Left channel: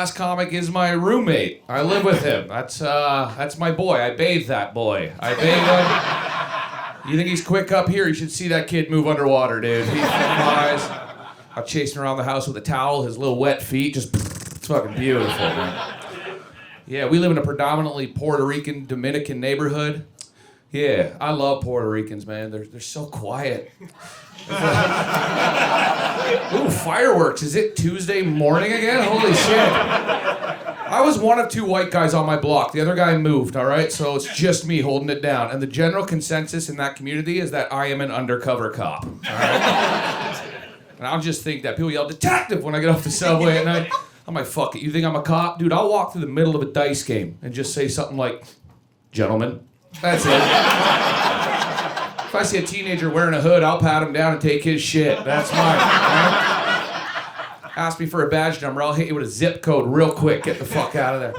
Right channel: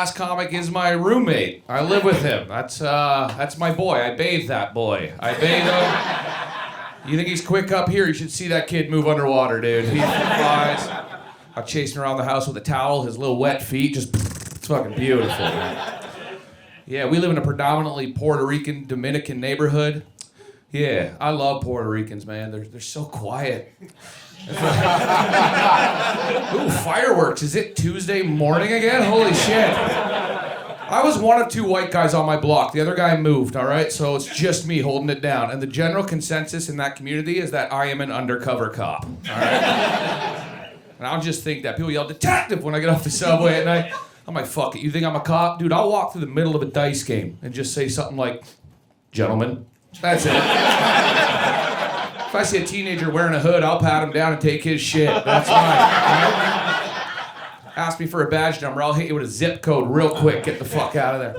last comic is my roommate. I live with him. That's my boy. I bathe that boy. I bathe him. You think he's quick up here? You should see that kid move underwater, dude. He flies. I'm chasing around the house with a towel, his little wet feet, just, it's fucking beautiful, man. Yeah, we live in a predominantly Puerto Rican, Dominican neighborhood. Yeah, I love Puerto Ricans, man. They're so quiet. Ooh, fireworks. Is it Tuesday morning again? Holy shit. I was one of two white guys on my block. The other guy moved, all right? So it's just me holding it down. And the general consensus in that community is that I am an undercover cop, all right? And I'll just think that people yell, detective, when I get off the subway at night. I'm like, fuck it. You think I'm a cop? Dude, I'll walk through the middle of a dice game and just say something like, gentlemen. That's it. If I see a teenager wearing a hood, I'll pat him down and take his shit. That's mine. Right? Ask me for a badge number, I'll hit you with a zip code real quick. Get the fuck out of there.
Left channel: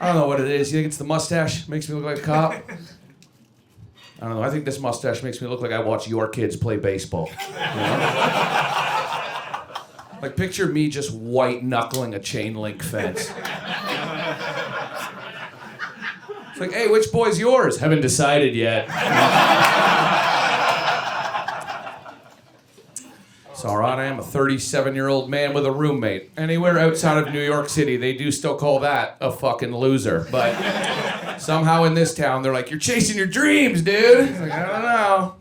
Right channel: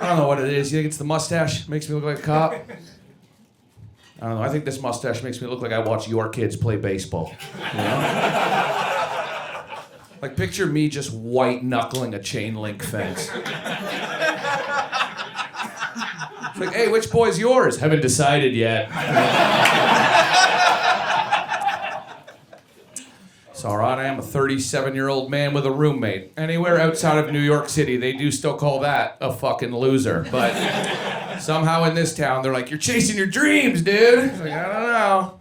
I don't know what it is. You think it's the mustache? Makes me look like a cop? I don't know. I think this mustache makes me look like I watch your kids play baseball. You know? Like, picture me just white knuckling a chain link fence. It's like, hey, which boy's yours? Haven't decided yet. It's all right, I am a 37-year-old man with a roommate. Anywhere outside of New York City, they do still call that a fucking loser. But somehow in this town, they're like, you're chasing your dreams, dude. It's like, I don't know.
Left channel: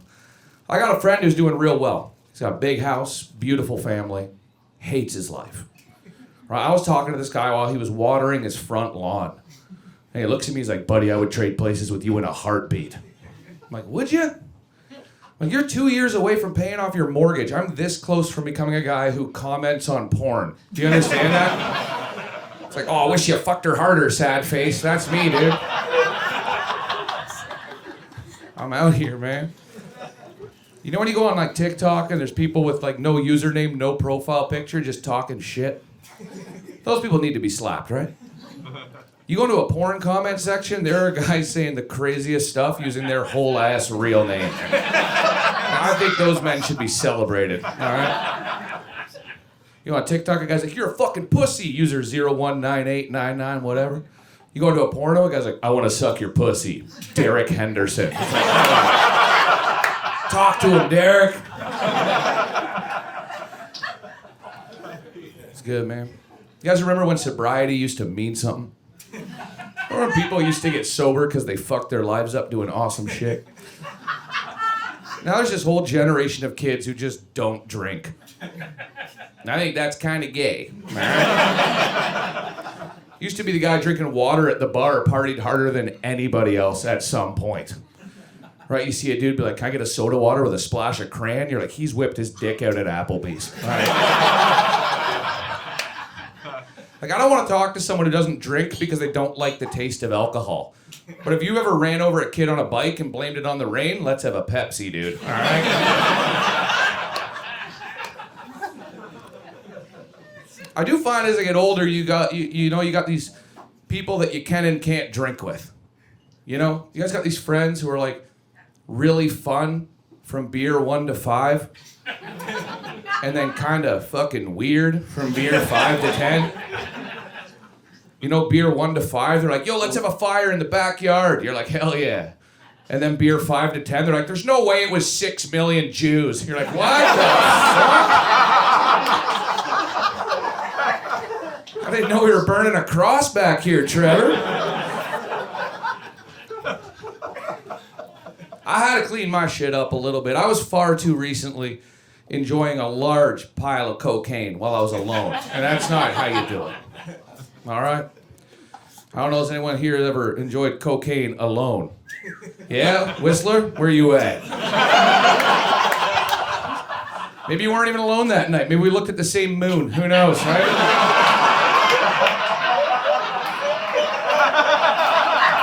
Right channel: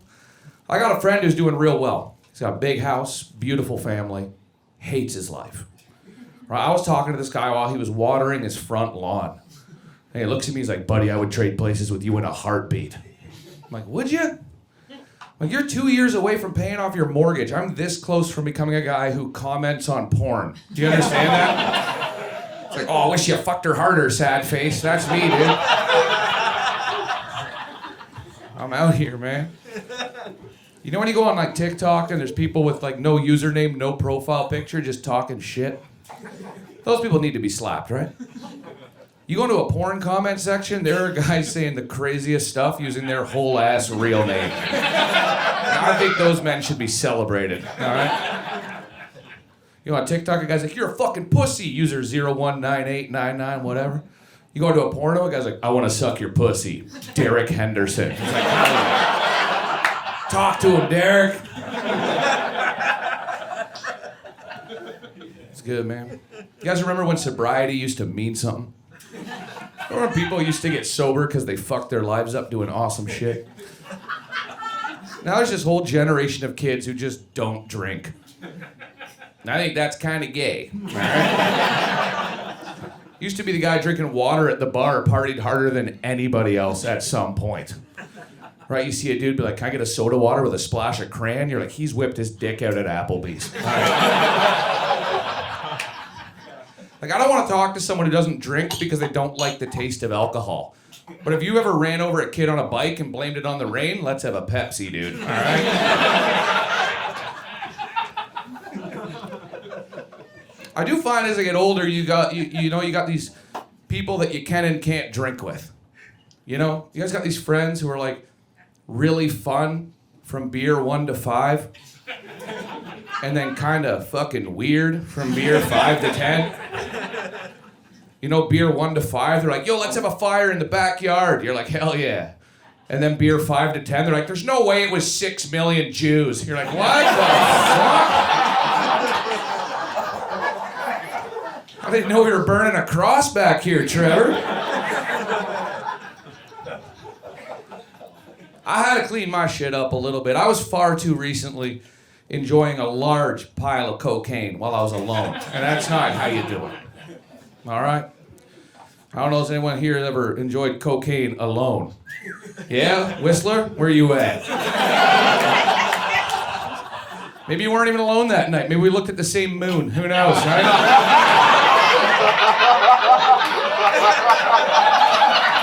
I got a friend who's doing real well. He's got a big house, beautiful family, hates his life. Right, I was talking to this guy while he was watering his front lawn. And he looks at me, he's like, buddy, I would trade places with you in a heartbeat. I'm like, would you? Like, you're 2 years away from paying off your mortgage. I'm this close from becoming a guy who comments on porn. Do you understand that? It's like, oh, I wish you fucked her harder, sad face. That's me, dude. I'm out here, man. You know when you go on like TikTok and there's people with like no username, no profile picture, just talking shit? Those people need to be slapped, right? You go into a porn comment section, there are guys saying the craziest stuff using their whole ass real name. And I think those men should be celebrated, all right? You know, on TikTok, a guy's like, you're a fucking pussy, user 019899, whatever. You go into a porno, a guy's like, I want to suck your pussy, Derek Henderson. It's like, hell yeah. Talk to him, Derek. It's good, man. You guys remember when sobriety used to mean something? Remember when people used to get sober because they fucked their lives up doing awesome shit? Now there's this whole generation of kids who just don't drink. And I think that's kind of gay, all right? Used to be the guy drinking water at the bar, partied harder than anybody else at some point. Right, you see a dude be like, can I get a soda water with a splash of crayon? You're like, he's whipped his dick out at Applebee's. All right. Like, I don't want to talk to someone who doesn't drink because they don't like the taste of alcohol. But if you ever ran over a kid on a bike and blamed it on the rain, let's have a Pepsi, dude. All right? I do find as I get older, you got these people that you can and can't drink with. You know? You guys got these friends who are like really fun from beer 1 to 5, and then kind of fucking weird from beer 5 to 10. You know, beer 1 to 5, they're like, yo, let's have a fire in the backyard. You're like, hell yeah. And then beer 5 to 10, they're like, there's no way it was 6 million Jews. You're like, what the fuck? I didn't know we were burning a cross back here, Trevor. I had to clean my shit up a little bit. I was far too recently enjoying a large pile of cocaine while I was alone. And that's not how you do it. All right? I don't know if anyone here has ever enjoyed cocaine alone. Yeah? Whistler? Where you at? Maybe you weren't even alone that night. Maybe we looked at the same moon. Who knows, right?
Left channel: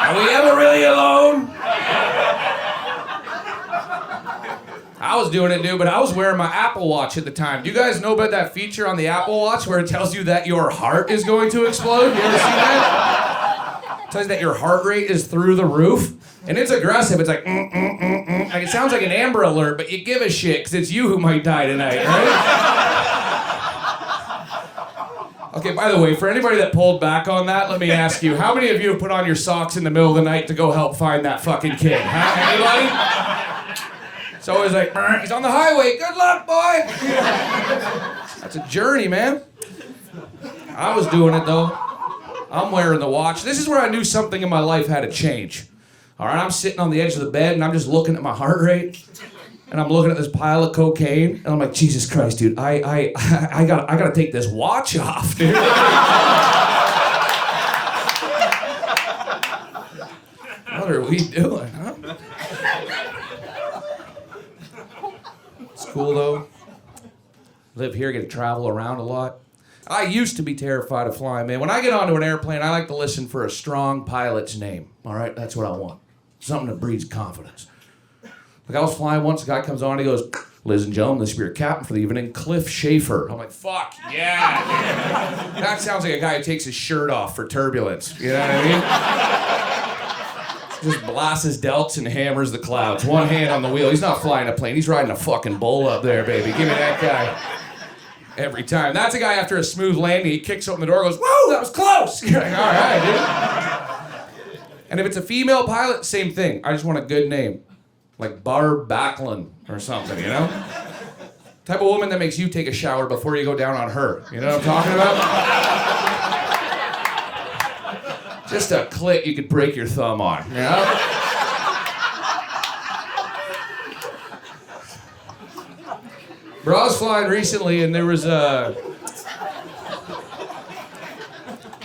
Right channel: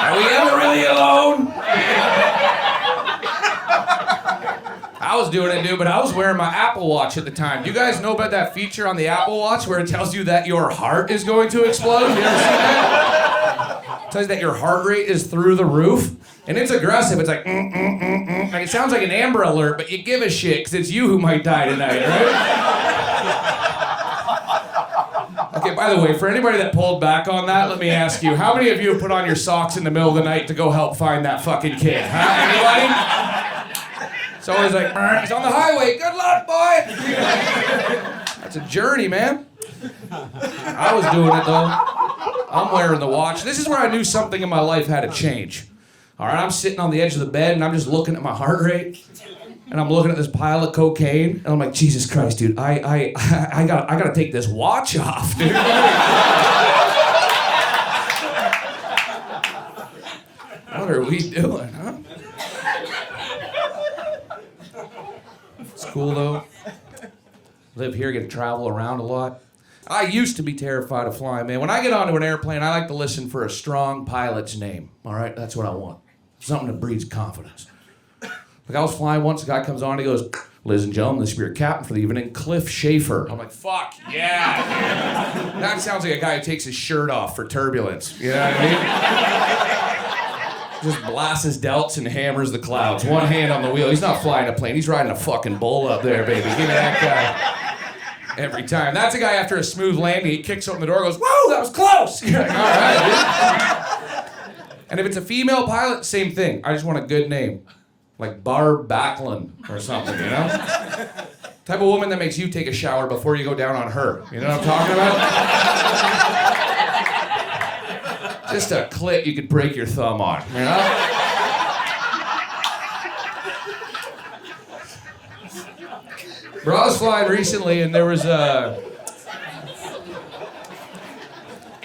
Are we ever really alone? I was doing it, dude, but I was wearing my Apple Watch at the time. Do you guys know about that feature on the Apple Watch where it tells you that your heart is going to explode? You ever seen that? It tells you that your heart rate is through the roof. And it's aggressive. It's like, Like, it sounds like an Amber Alert, but you give a shit because it's you who might die tonight, right? Okay, by the way, for anybody that pulled back on that, let me ask you, how many of you have put on your socks in the middle of the night to go help find that fucking kid? Huh? Anybody? It's always like, he's on the highway. Good luck, boy. That's a journey, man. I was doing it, though. I'm wearing the watch. This is where I knew something in my life had to change. All right, I'm sitting on the edge of the bed, and I'm just looking at my heart rate. And I'm looking at this pile of cocaine, and I'm like, Jesus Christ, dude, I gotta take this watch off, dude. What are we doing, huh? It's cool, though. Live here, get to travel around a lot. I used to be terrified of flying, man. When I get onto an airplane, I like to listen for a strong pilot's name, all right? That's what I want. Something that breeds confidence. Like I was flying once, a guy comes on and he goes, ladies and gentlemen, this is your captain for the evening, Cliff Schaefer. I'm like, fuck, yeah, dude. That sounds like a guy who takes his shirt off for turbulence. You know what I mean? Just blasts his delts and hammers the clouds. One hand on the wheel. He's not flying a plane. He's riding a fucking bull up there, baby. Give me that guy. Every time. That's a guy after a smooth landing, he kicks open the door and goes, whoa, that was close. You're like, all right, dude. And if it's a female pilot, same thing. I just want a good name. Like Barb Backlund or something, you know? Type of woman that makes you take a shower before you go down on her. You know what I'm talking about? Just a clit you could break your thumb on, you know? Bro, I was flying recently and there was a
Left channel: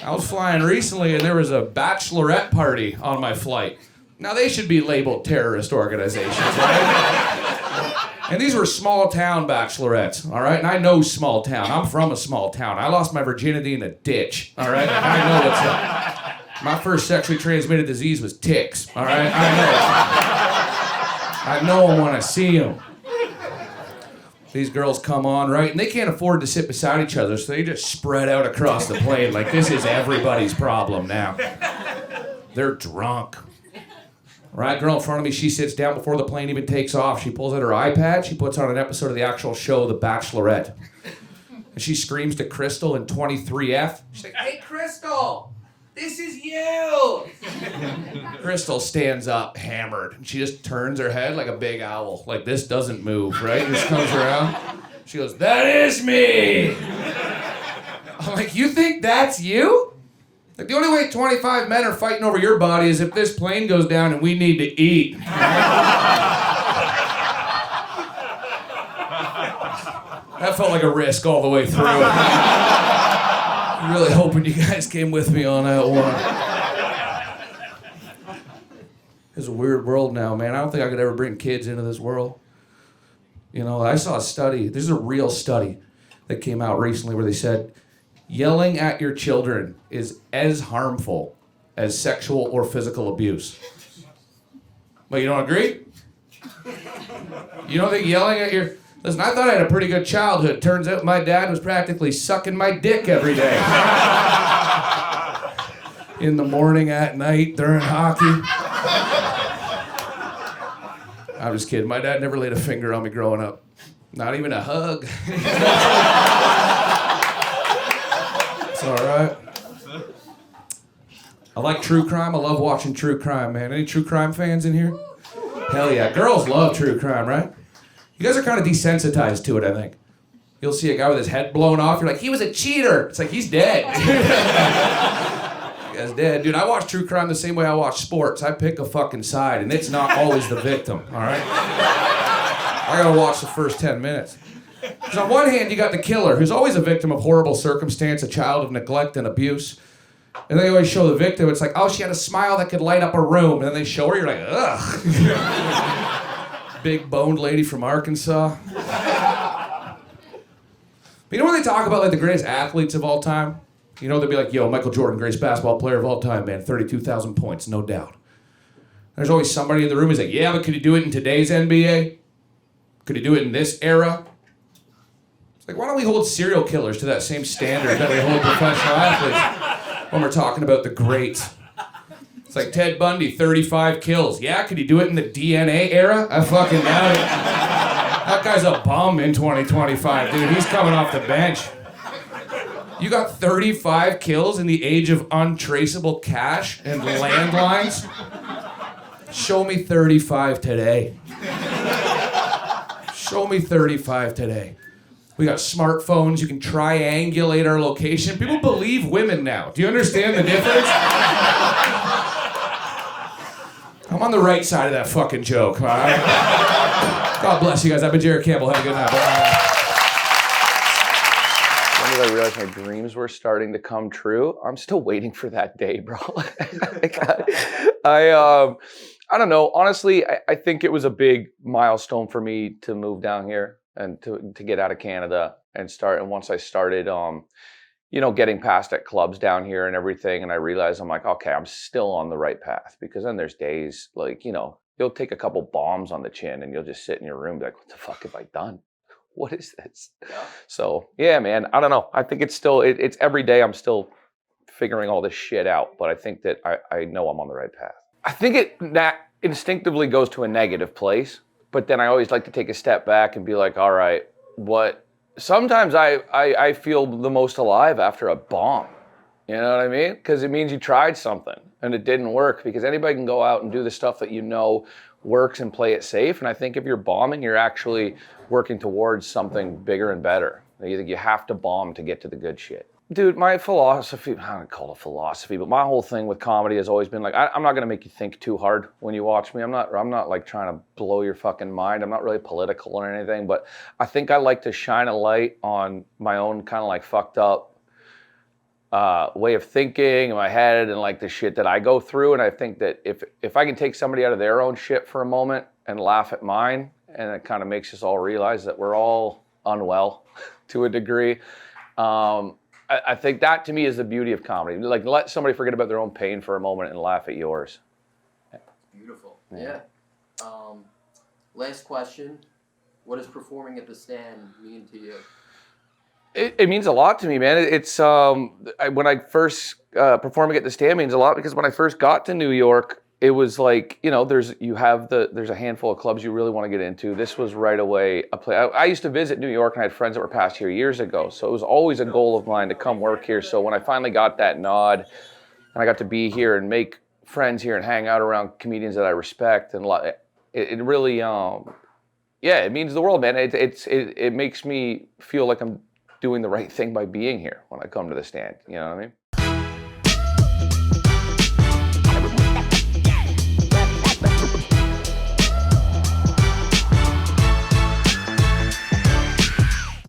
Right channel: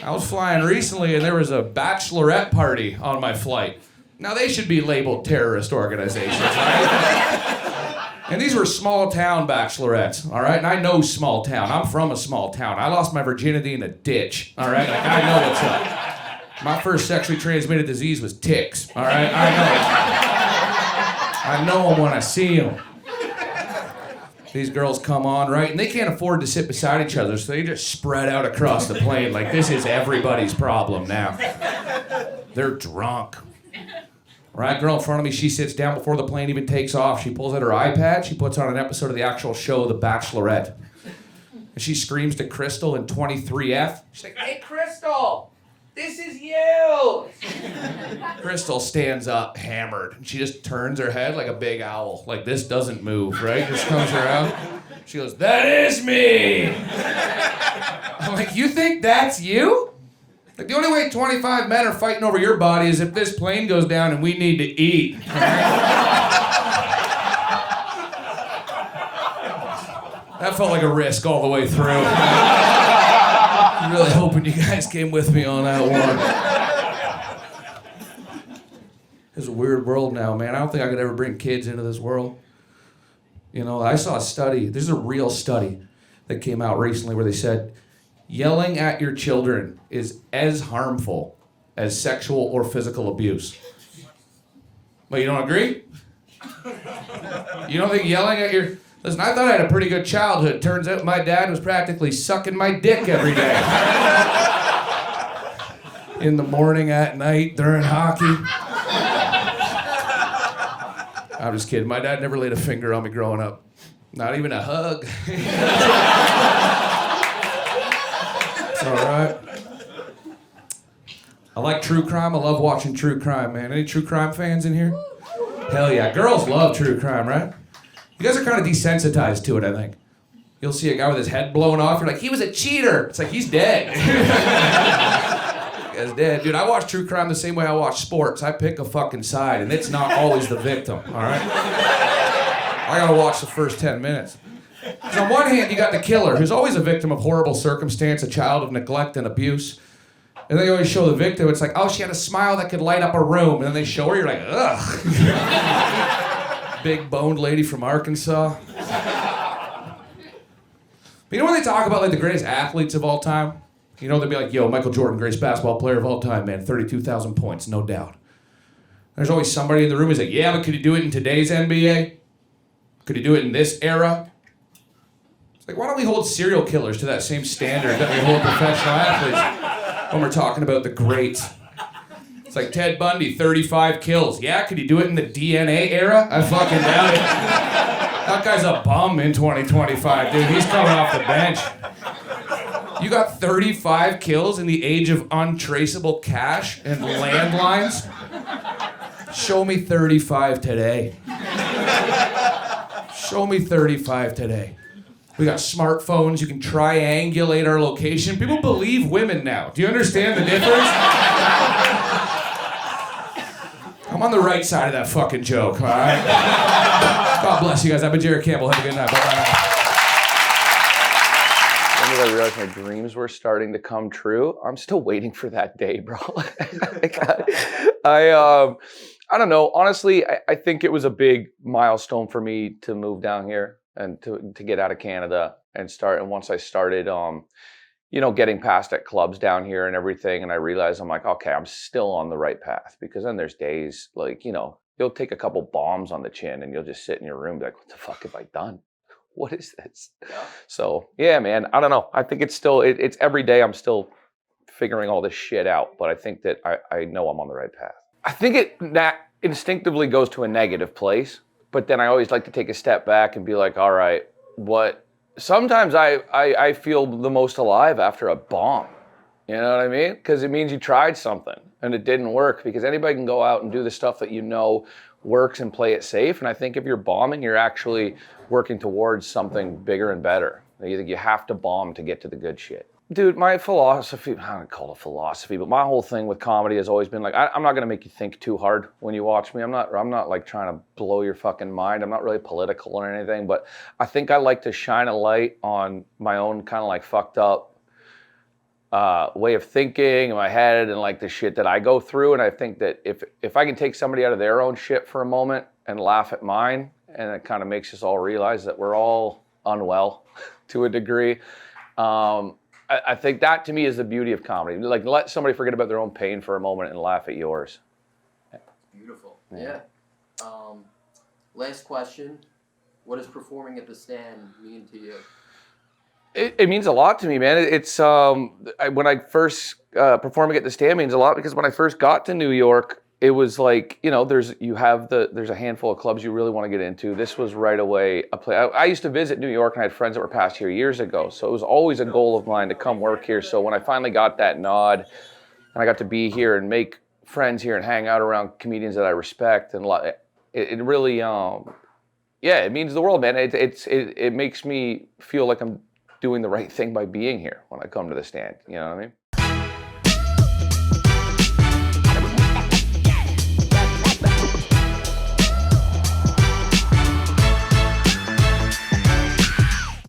bachelorette party on my flight. Now, they should be labeled terrorist organizations, right? And these were small-town bachelorettes, all right? And I know small town. I'm from a small town. I lost my virginity in a ditch, all right? Like, I know what's up. My first sexually transmitted disease was ticks, all right? I know them when I see them. These girls come on, right? And they can't afford to sit beside each other, so they just spread out across the plane like this is everybody's problem now. They're drunk. Right, girl in front of me, she sits down before the plane even takes off. She pulls out her iPad, she puts on an episode of the actual show, The Bachelorette. And she screams to Crystal in 23F. She's like, hey, Crystal, this is you. Crystal stands up, hammered, and she just turns her head like a big owl. Like, this doesn't move, right? Just comes around. She goes, that is me. I'm like, you think that's you? Like, the only way 25 men are fighting over your body is if this plane goes down and we need to eat. Right? That felt like a risk all the way through. I'm really hoping you guys came with me on that one. It's a weird world now, man. I don't think I could ever bring kids into this world. You know, I saw a study. This is a real study that came out recently where they said, yelling at your children is as harmful as sexual or physical abuse. But you don't agree? You don't think yelling at your... Listen, I thought I had a pretty good childhood. Turns out my dad was practically sucking my dick every day. In the morning, at night, during hockey. I'm just kidding. My dad never laid a finger on me growing up. Not even a hug. It's all right. I like true crime. I love watching true crime, man. Any true crime fans in here? Hell yeah. Girls love true crime, right? You guys are kind of desensitized to it, I think. You'll see a guy with his head blown off. You're like, he was a cheater. It's like, he's dead. Guy's dead. Dude, I watch true crime the same way I watch sports. I pick a fucking side, and it's not always the victim, all right? I gotta watch the first 10 minutes. Because on one hand, you got the killer, who's always a victim of horrible circumstance, a child of neglect and abuse. And they always show the victim. It's like, oh, she had a smile that could light up a room. And then they show her, you're like, ugh. Big boned lady from Arkansas. But you know when they talk about like the greatest athletes of all time? You know, they'll be like, yo, Michael Jordan, greatest basketball player of all time, man. 32,000 points, no doubt. There's always somebody in the room who's like, yeah, but could he do it in today's NBA? Could he do it in this era? It's like, why don't we hold serial killers to that same standard that we hold professional athletes when we're talking about the greats? It's like Ted Bundy, 35 kills. Yeah, could he do it in the DNA era? I fucking doubt it. That guy's a bum in 2025, dude. He's coming off the bench. You got 35 kills in the age of untraceable cash and landlines? Show me 35 today. Show me 35 today. We got smartphones. You can triangulate our location. People believe women now. Do you understand the difference? I'm on the right side of that fucking joke, all right? God bless you guys. I've been Jarrett Campbell. Have a good night. Bye. When did I realize my dreams were starting to come true? I'm still waiting for that day, bro. I don't know. Honestly, I think it was a big milestone for me to move down here and to get out of Canada and start. And once I started, getting past at clubs down here and everything, and I realized I'm like, okay, I'm still on the right path. Because then there's days like, you'll take a couple bombs on the chin and you'll just sit in your room and be like, what the fuck have I done? What is this? Yeah. So, yeah, man, I don't know. I think it's still, it's every day I'm still figuring all this shit out, but I think that I know I'm on the right path. I think that instinctively goes to a negative place, but then I always like to take a step back and be like, all right, sometimes I feel the most alive after a bomb. You know what I mean? Because it means you tried something and it didn't work, because anybody can go out and do the stuff that works and play it safe. And I think if you're bombing, you're actually working towards something bigger and better. You have to bomb to get to the good shit. Dude, my philosophy, I don't call it philosophy, but my whole thing with comedy has always been like, I'm not gonna make you think too hard when you watch me. I'm not like trying to blow your fucking mind. I'm not really political or anything, but I think I like to shine a light on my own kind of like fucked up way of thinking in my head and like the shit that I go through. And I think that if I can take somebody out of their own shit for a moment and laugh at mine, and it kind of makes us all realize that we're all unwell to a degree. I think that to me is the beauty of comedy. Like, let somebody forget about their own pain for a moment and laugh at yours. Beautiful. Yeah. Last question. What does performing at the stand mean to you? It means a lot to me, man. It's when I first performing at the stand means a lot, because when I first got to New York, it was like, there's a handful of clubs you really want to get into. This was right away a play. I used to visit New York, and I had friends that were past here years ago, so it was always a goal of mine to come work here. So when I finally got that nod, and I got to be here and make friends here and hang out around comedians that I respect, and it really, it means the world, man. It makes me feel like I'm doing the right thing by being here when I come to the stand. You know what I mean?